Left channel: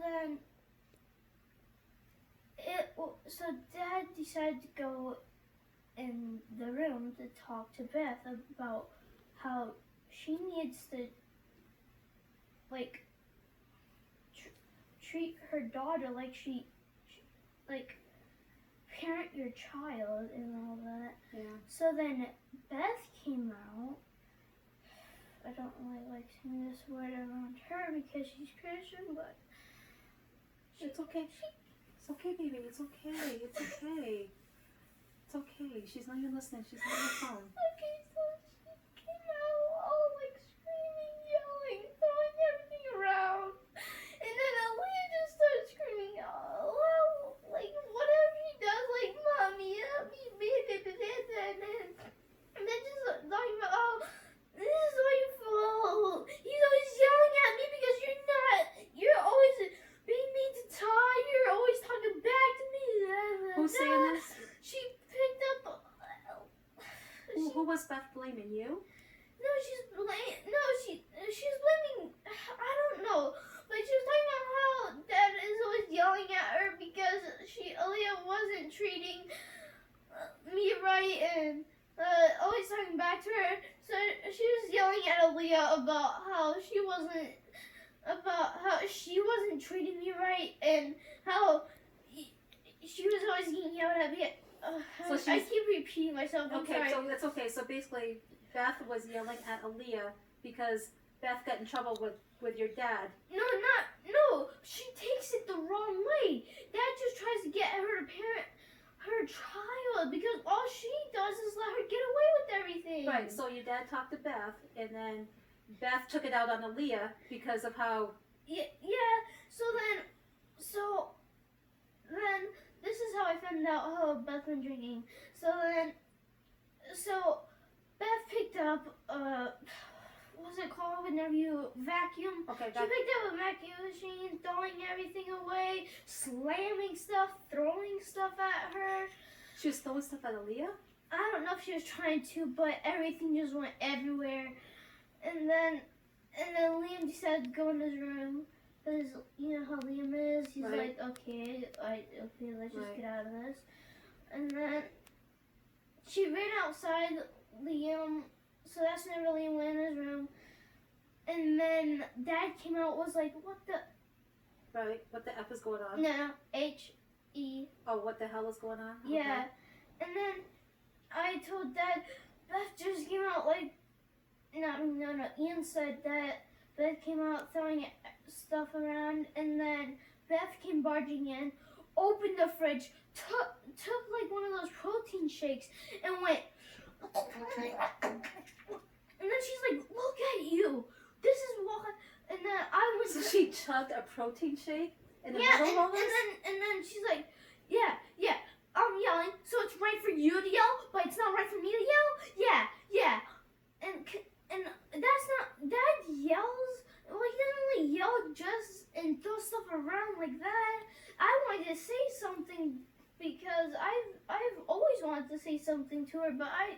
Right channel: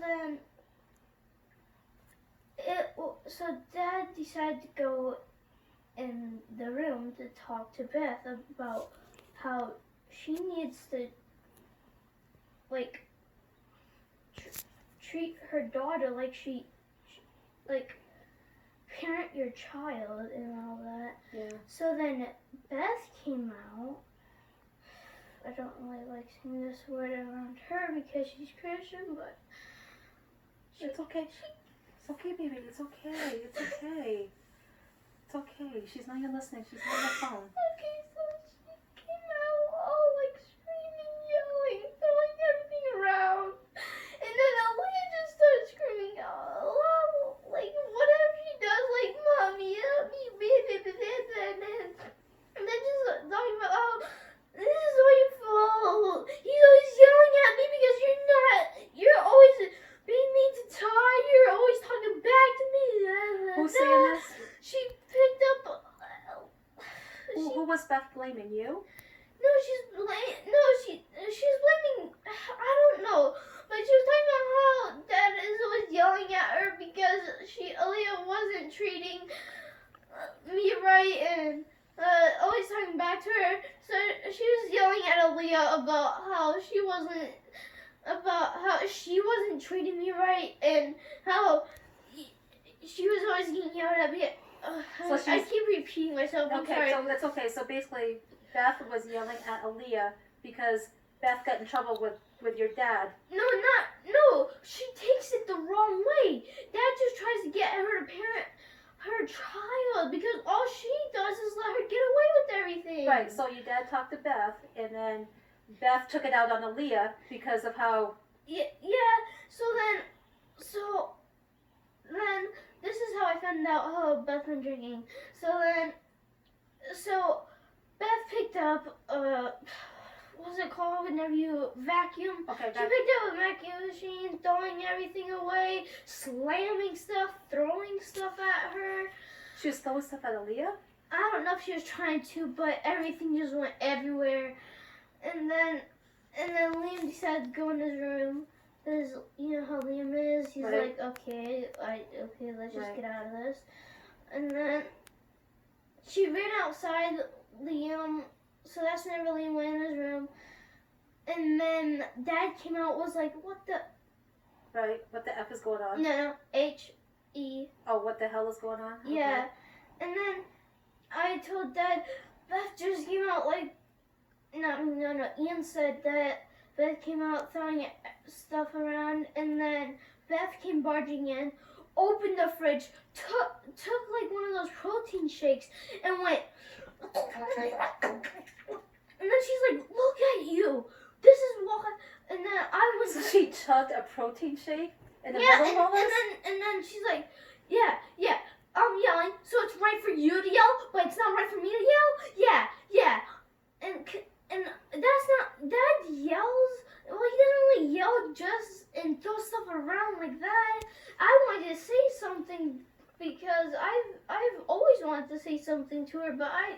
Then so Dad decided to go in the room to talk to Beth about how she needs to like treat her daughter like she like parent your child and all that. Yeah. So then Beth came out. I don't really like saying this word around her because she's Christian, but it's okay. It's okay, baby. It's okay. It's okay. It's okay. She's not even listening. She's on the phone. Okay, so she came out all like screaming, yelling, throwing everything around. And then Aaliyah just started screaming loud, like whatever she does, like mommy, help me, baby, and then just talking about how this is all your fault. He's always yelling at me because you're always being mean to Ty. You're always talking back to me. Who's saying this? She picked up. Who was Beth blaming? You? No, she's blaming. I don't know, but she was talking about how Dad is always yelling at her because Aaliyah wasn't treating me right and always talking back to her. So she was yelling at Aaliyah about how she wasn't treating me right and how she was always getting yelled at me. I keep repeating myself. I'm okay, sorry. so that's okay. So basically, Beth was yelling at Aaliyah because Beth got in trouble with your dad. No. She takes it the wrong way. Dad just tries to get her to parent her child because all she does is let her get away with everything. Right. So your dad talked to Beth, and then Beth took it out on Aaliyah because of how. Yeah. So then this is how I found out how Beth been drinking. So Beth picked up what's it called whenever you vacuum? Okay. She picked up a vacuum machine, throwing everything away, slamming stuff, throwing stuff at her. She was throwing stuff at Aaliyah? I don't know if she was trying to, but everything just went everywhere. And then Liam decided to go in his room. Because you know how Liam is. He's right. like, okay, let's just get out of this. And then she ran outside Liam. So that's whenever Liam went in his room. And then Dad came out, was like, what the? Right. What the F is going on? No. H-E. Oh, what the hell is going on? Yeah. Okay. And then I told Dad, Beth just came out like, no. Ian said that Beth came out throwing stuff around, and then Beth came barging in, opened the fridge, took like one of those protein shakes, and went. And then she's like, "Look at you! This is what." And then I was. So she chugged a protein shake in the middle of all this? And then she's like, "Yeah. I'm yelling, so it's right for you to yell, but it's not right for me to yell. Yeah. And that's not. Dad yells. Well, he doesn't really yell just and throw stuff around like that. I wanted to say something because I've always wanted to say something to her, but I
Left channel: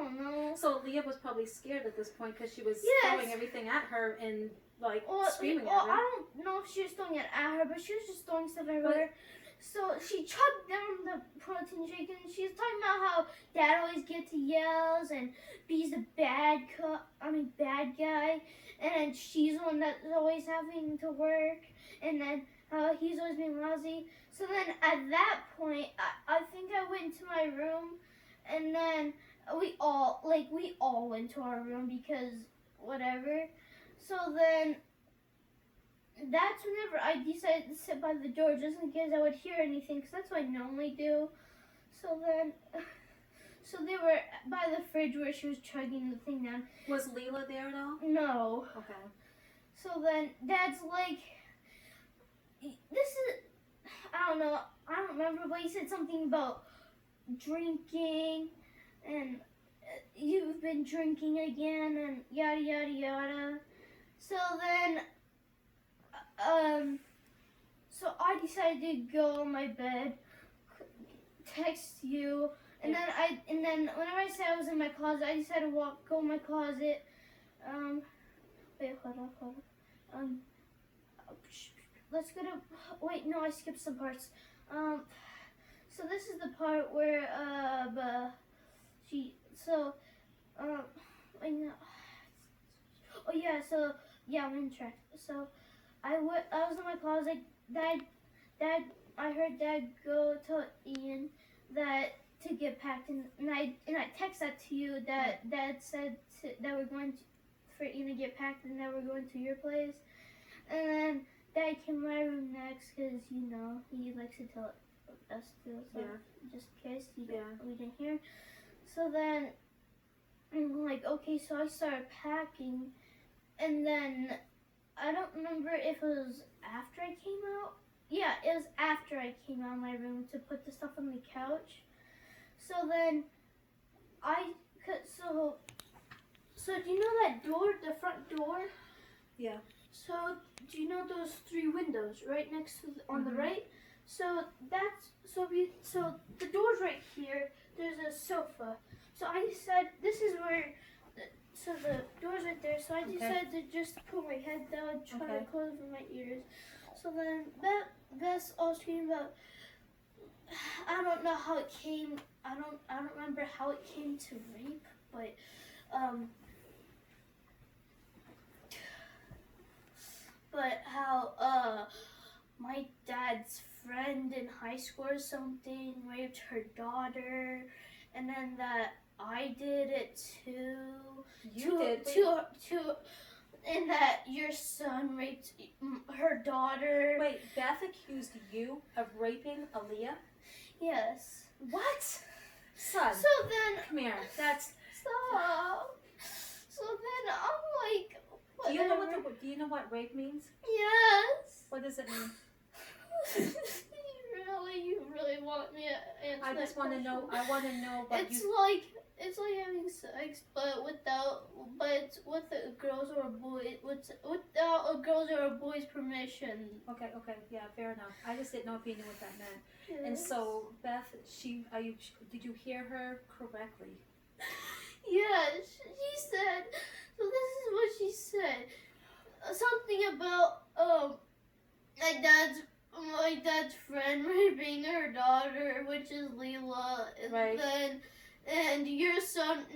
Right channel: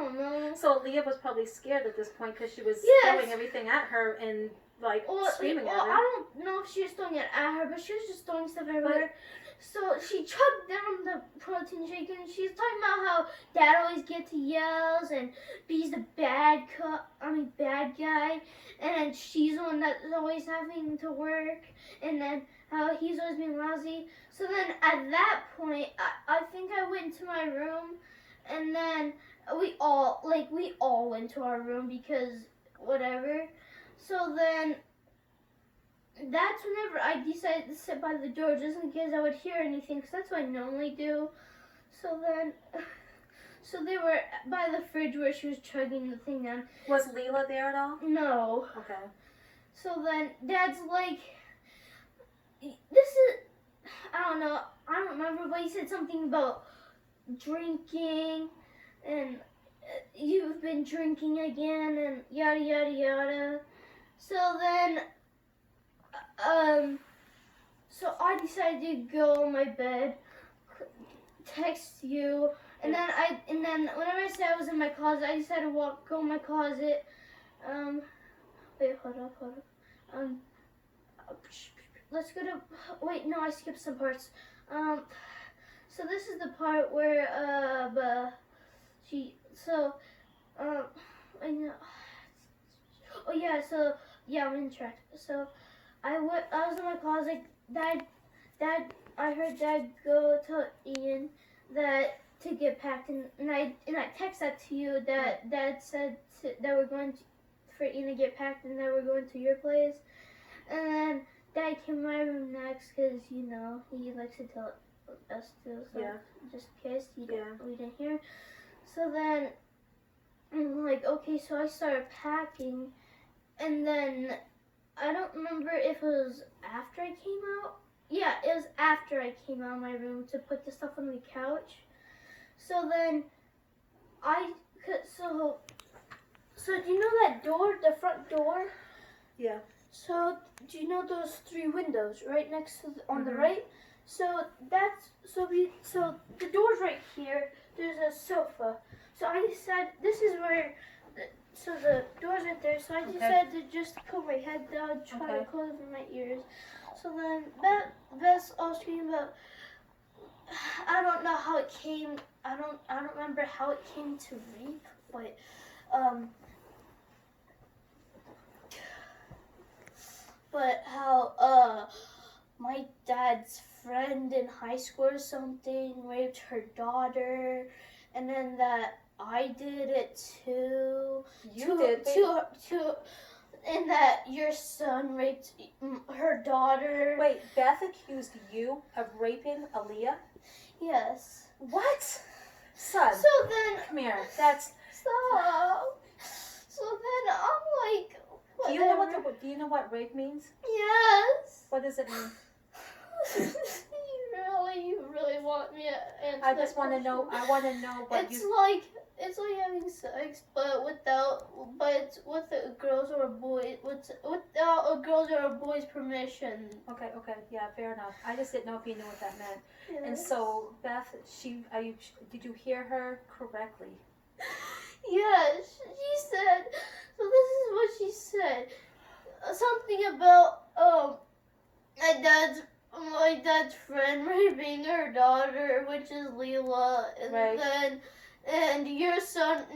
don't know. So Leah was probably scared at this point because she was throwing everything at her and screaming at her. I don't know if she was throwing it at her, but she was just throwing stuff everywhere. So she chugged down the protein shake and she's talking about how Dad always gets yells and B's the bad guy, and then she's the one that's always having to work, and then how he's always being lousy. So then at that point, I think I went into my room, and then we all went to our room because whatever. So then that's whenever I decided to sit by the door just in case I would hear anything, because that's what I normally do. So they were by the fridge where she was chugging the thing down. Was Leela there at all? No. Okay. So then Dad's like, this is, I don't know, I don't remember, but he said something about drinking and you've been drinking again and yada yada yada. So then so I decided to go on my bed, text you, and then whenever I said I was in my closet, I decided to go in my closet. Wait, hold up. let's go to. Wait, no, I skipped some parts. So this is the part where she so I know. Oh yeah, so yeah, I'm in track. So I was in my closet. Dad, I heard Dad go tell Ian that to get packed, and I text that to you that Dad said that we're going to, for Ian to get packed and that we're going to your place, and then Dad came to my room next because you know he likes to tell us to. So Yeah. just in case we Yeah. didn't hear. So then I'm like, okay, so I started packing, and then I don't remember if it was after I came out. Yeah, it was after I came out of my room to put the stuff on the couch. So then so do you know that door, the front door? Yeah. So do you know those 3 windows right next to on the Mhm. right? So so the door's right here. There's a sofa. So I decided this is where. So the door's right there. So I decided to just put my head down, try to close my ears. So then Beth's all screaming about. I don't know how it came. I don't remember how it came to rape, but how my dad's friend in high school or something raped her daughter, and then that I did it too. And that your son raped her daughter. Wait, Beth accused you of raping Aaliyah? Yes. What? Son, So then. come here. That's. Stop. So then I'm like. Do you know what rape means? Yes. What does it mean? You really want me to answer I just want to know. I want to know what it's like having sex, but with a girl's or a boy, without a girl's or a boy's permission. Okay, yeah, fair enough. I just didn't know if you knew what that meant. Yes. And so, Beth, did you hear her correctly? Yeah, she said. So this is what she said. Something about my dad's friend raping her daughter, which is Leela, and right. And your son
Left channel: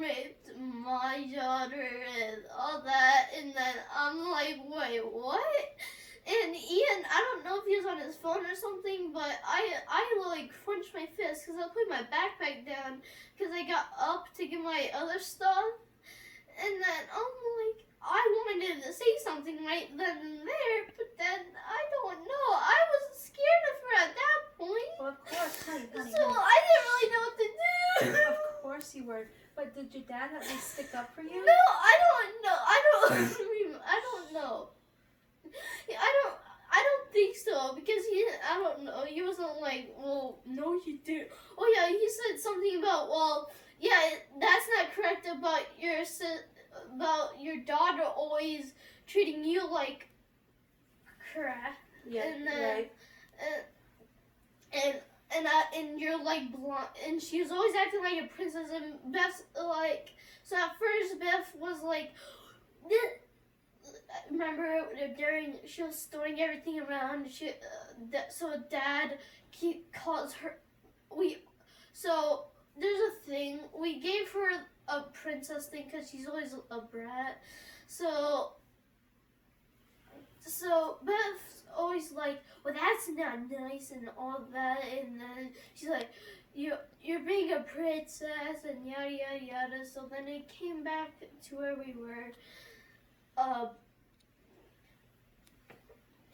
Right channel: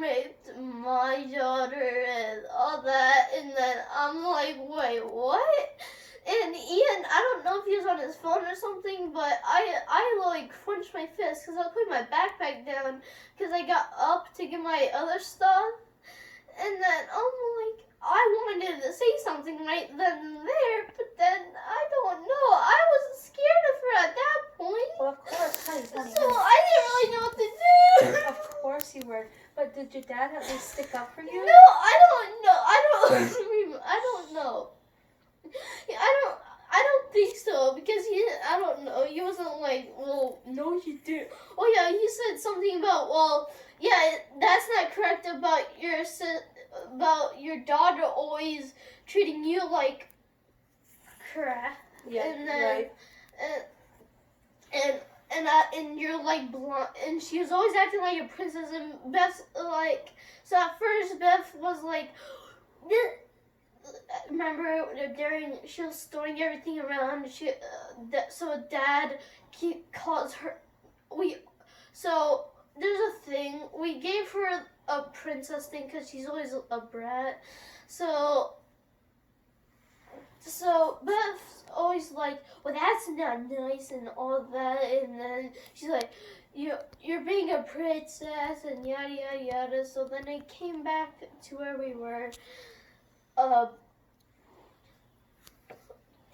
raped my daughter and all that, and then I'm like, wait, what? And Ian, I don't know if he was on his phone or something, but I like clenched my fist because I was putting my backpack down because I got up to get my other stuff, and then I'm like, I wanted to say something right then and there, but then I don't know. I was scared of her at that point. Well, of course, honey. So I didn't really know what to do. Of course you were. But did your dad at least stick up for you? No, I don't know. I don't know. I don't think so because I don't know. He wasn't like, well, no, you did. Oh yeah, he said something about, well, yeah, that's not correct about your daughter always treating you like crap. Yeah, and then, right. And you're like blonde, and she was always acting like a princess. And Beth's like, so at first Beth was like, remember during she was throwing everything around. So Dad calls her. So there's a thing we gave her a princess thing because she's always a brat. So Beth's always like, well, that's not nice and all that, and then she's like, you're being a princess and yada yada yada. So then it came back to where we were,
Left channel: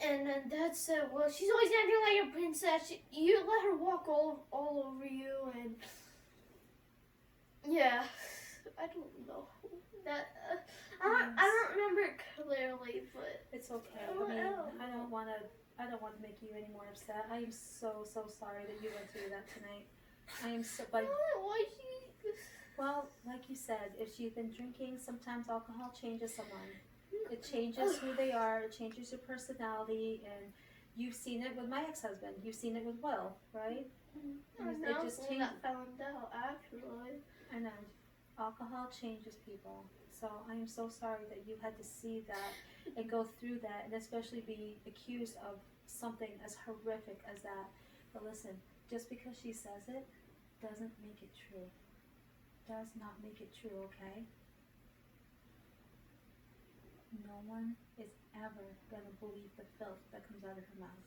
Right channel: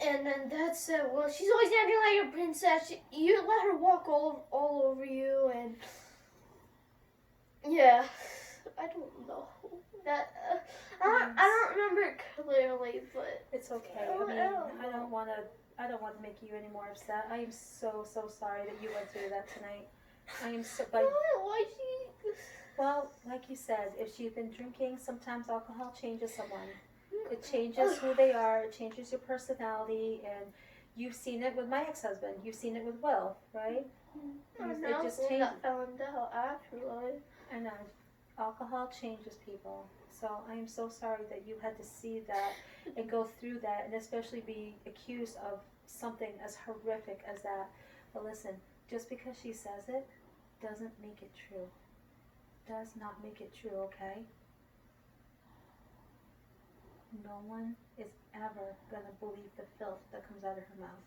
and then Dad said, well, she's always acting like a princess. You let her walk all over you, and yeah, I don't know that. I don't remember it clearly, but it's okay. I don't want to make you any more upset. I am so sorry that you went through that tonight. I am so. But why she? Well, like you said, if she's been drinking, sometimes alcohol changes someone. It changes who they are. It changes your personality, and you've seen it with my ex-husband. You've seen it with Will, right? It just changed. I found out actually. I know. Alcohol changes people. So I am so sorry that you had to see that and go through that, and especially be accused of something as horrific as that. But listen, just because she says it doesn't make it true. Does not make it true, okay? No one is ever gonna believe the filth that comes out of her mouth.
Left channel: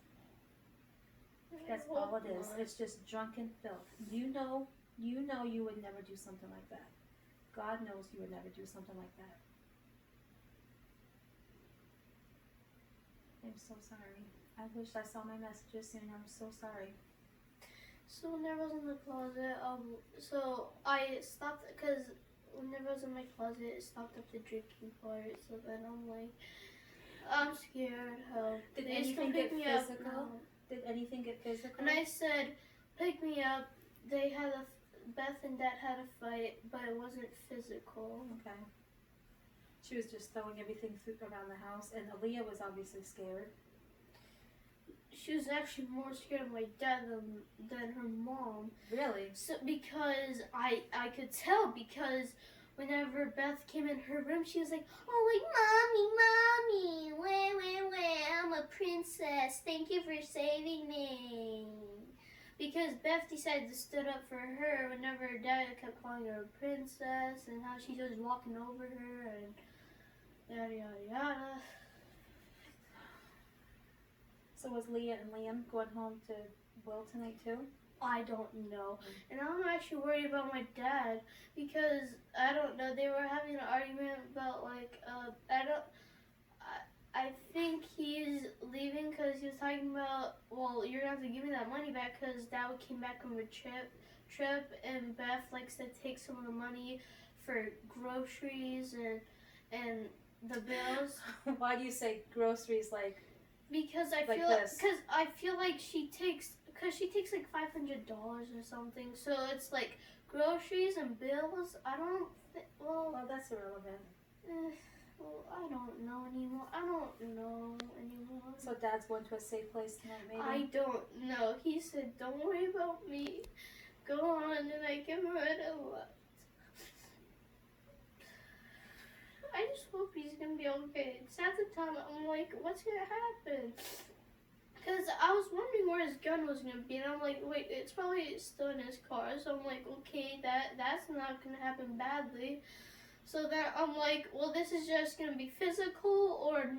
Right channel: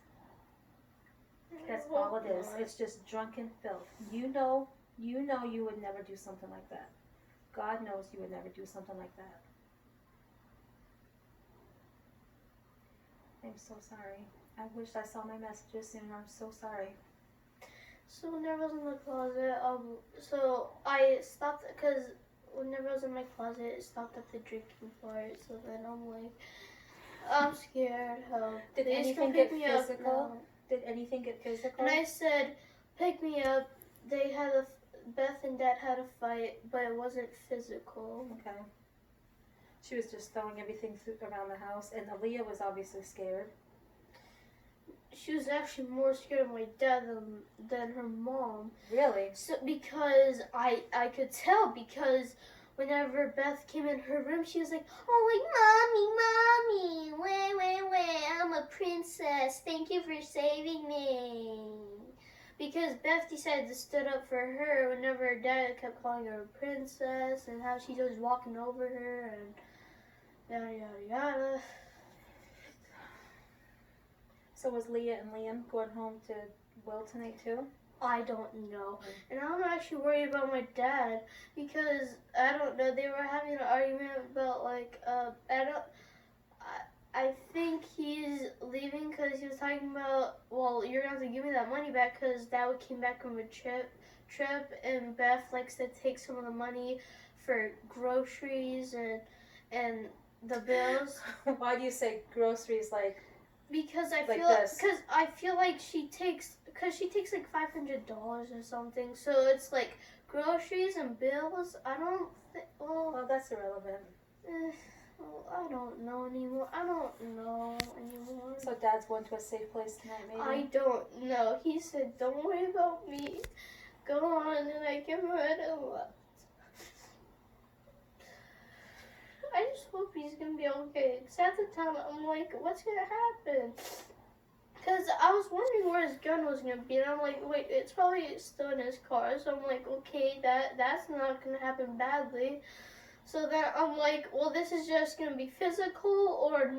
That's all it is. It's just drunken filth. You know you would never do something like that. God knows you would never do something like that. I'm so sorry. I wish I saw my messages sooner. I'm so sorry. So whenever I was in the closet, so I stopped, because whenever I was in my closet, it stopped at the drinking part. So then I'm like, I'm scared. Help. Did Please anything come get pick me up physical? now. Did anything get physical? And I said, pick me up. They had Beth and Dad had a fight, but it wasn't physical. Okay. She was just throwing everything around the house, and Aaliyah was obviously scared. She was actually more scared of my dad than her mom. Really? So because I could tell, because whenever Beth came in her room, she was like, oh, like, mommy, wait, I'm a princess. Thank you for saving me. Because Beth decided to stood up for her whenever her dad kept calling her a princess, and how she's always walking over her and yada yada yada. So was Leah and Liam going home to Will tonight too? I don't know. And I'm actually worried about my dad, because I don't know, they were having an argument about like I think he's leaving because he was talking about, well, you're going to have to give me that money back, because Dad came back from a trip and Beth likes to take some of the money for groceries and the bills. Why do you say groceries like? Because I feel like she takes like $500 or something. So it's like groceries and bills. I don't. Well, that's irrelevant. Well, I don't know anymore. So Dad's going to a safe place tonight, maybe? I don't know. He said, "Don't worry about me. Go on," and I give him and left. I just hope he's gonna be okay. Cause at the time I'm like, what's gonna happen? Cause I was wondering where his gun was gonna be, and I'm like, wait, it's probably still in his car. So I'm like, okay, that's not gonna happen badly. So then I'm like, well, this is just gonna be physical or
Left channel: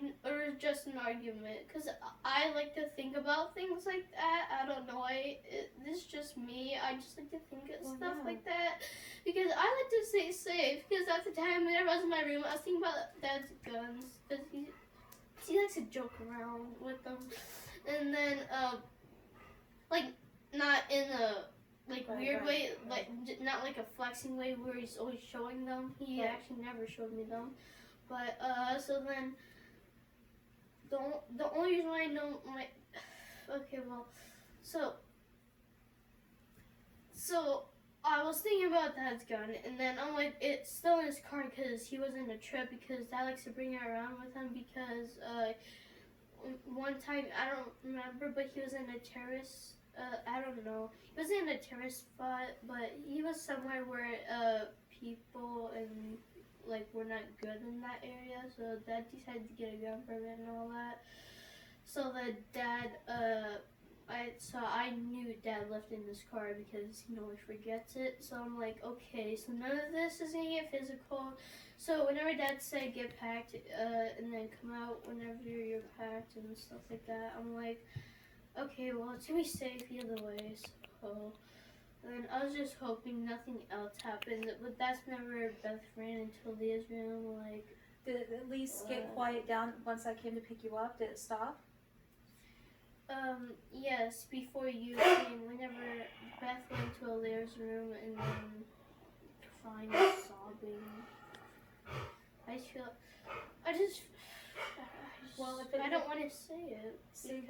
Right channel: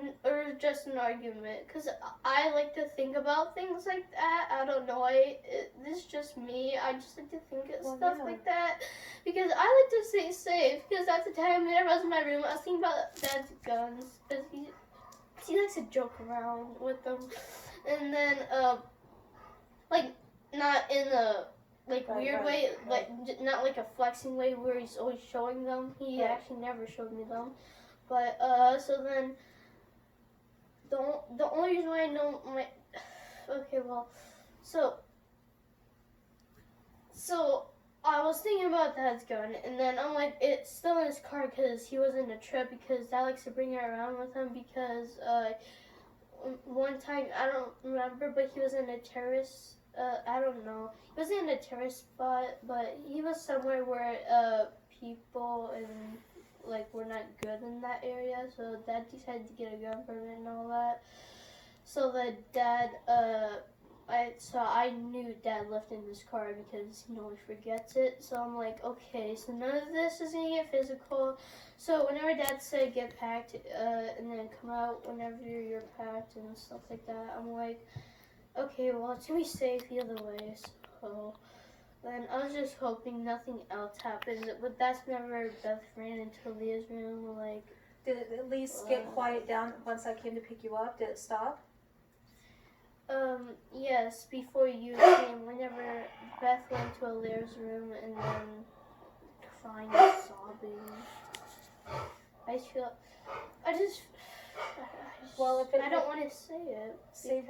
just an argument. Cause I like to think about things like that. I don't know. This is just me. I just like to think of stuff like that. Because I like to stay safe. Because at the time, whenever I was in my room, I was thinking about Dad's guns. Because he likes to joke around with them. And then, like, not in a weird way, like not like a flexing way where he's always showing them. He actually never showed me them. But so then the only reason why I know my so I was thinking about Dad's gun, and then I'm like, it's still in his car because he was in a trip, because Dad likes to bring it around with him, because one time, I don't remember, but he was in a terrorist I don't know. He wasn't in a terrorist spot, but he was somewhere where people and were not good in that area. So Dad decided to get a gun permit and all that. So the Dad, I knew Dad left in his car because he always forgets it. So I'm like, okay, so none of this is gonna get physical. So whenever Dad said get packed and then come out whenever you're packed and stuff like that, I'm like, okay, well, it's gonna be safe either way. So then I was just hoping nothing else happened, but that's never Beth ran into Leah's room. Did it at least get quiet down once I came to pick you up? Did it stop? Yes, before you came, whenever Beth went to Leah's room and then crying and sobbing. Well, I don't want to say it. Say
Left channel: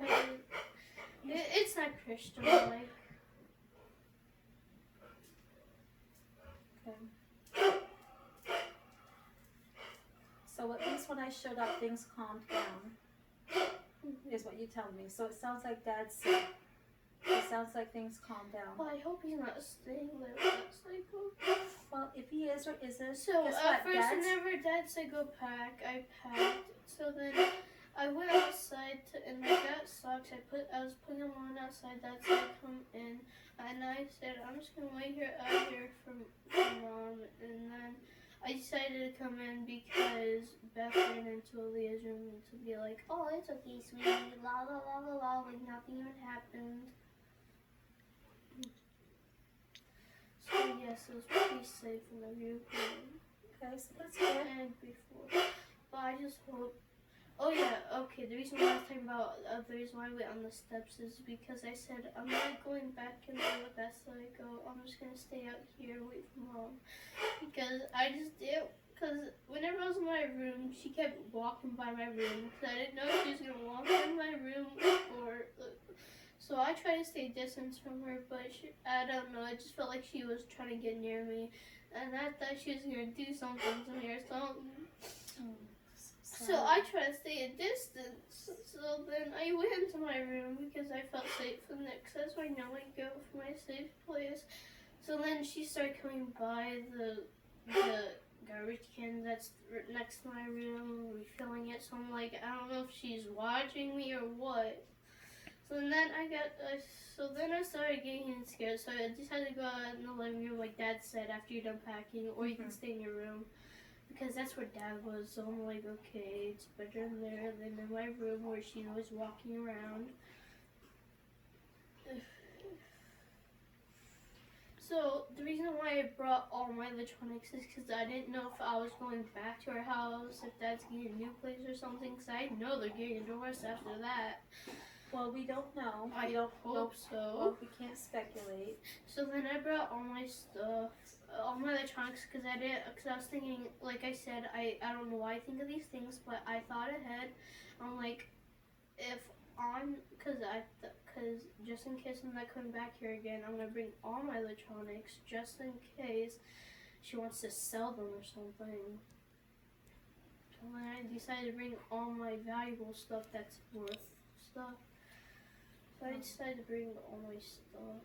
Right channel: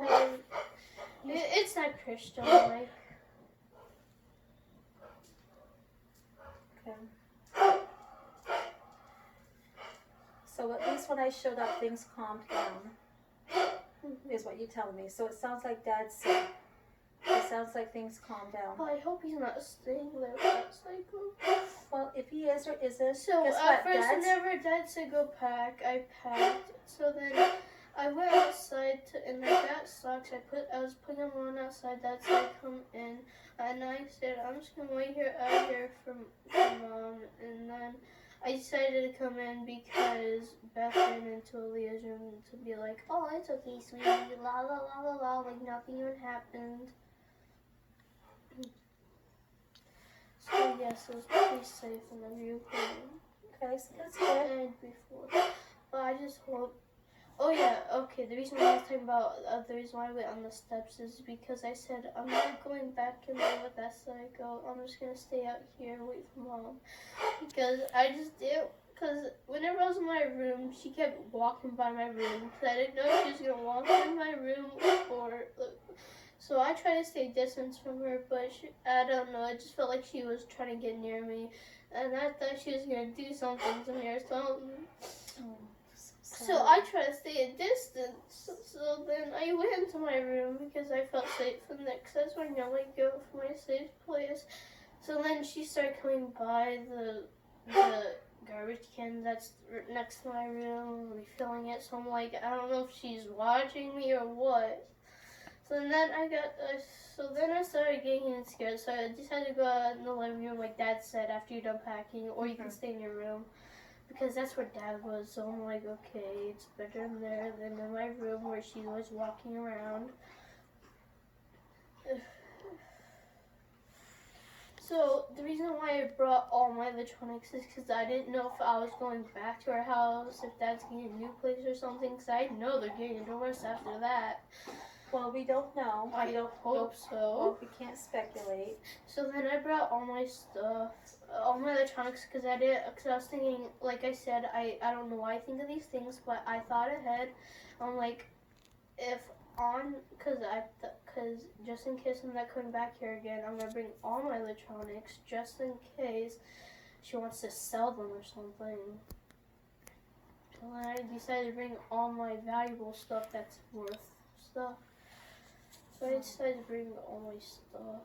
It's not Christian, like. Okay. So at least when I showed up, things calmed down, is what you're telling me. So it sounds like Dad's sick. It sounds like things calmed down. Well, I hope he's not staying there with that psycho. Well, if he is or isn't, So guess at what? first, Dad's whenever Dad said go pack, I packed. So then I went outside and I got socks. I was putting them on outside. Dad said come in, and I said I'm just gonna wait here out here for Mom. And then I decided to come in because Beth ran into Aaliyah's room to be like, oh, it's okay, sweetie, la la la la la, like nothing even happened. So yes, it was pretty safe in the viewpoint. okay, so that's good. And before. But I just hope. Oh yeah, okay. The reason why I was talking about the reason why I went on the steps is because I said I'm not going back in there with that psycho. I'm just gonna stay out here wait for Mom because I just did. Because whenever I was in my room, she kept walking by my room because I didn't know if she was gonna walk in my room or. So I tried to stay distance from her, but I don't know. It just felt like she was trying to get near me, and I thought she was gonna do something to me or something. So I tried to stay a distance. So then I went into my room because I felt safe in there. Because that's where I normally go for my safe place. So then she started coming by the garbage can that's next to my room, refilling it. So I'm like, I don't know if she's watching me or what. So then I started getting scared. So I decided to go out in the living room, like Dad said, after you're done packing, or you can stay in your room, because that's where Dad was. So I'm like, okay, it's better in there than in my room where she was walking around. So the reason why I brought all my electronics is because I didn't know if I was going back to our house, if Dad's getting a new place or something. Because I know they're getting a divorce after that. Well, we don't know. I don't hope so. Well, we can't speculate. So then I brought all my stuff, all my electronics, because I was thinking, like I said, I don't know why I think of these things, but I thought ahead. I'm like, because just in case I'm not coming back here again, I'm gonna bring all my electronics just in case she wants to sell them or something. So then I decided to bring all my valuable stuff that's worth stuff. So I decided to bring all my stuff.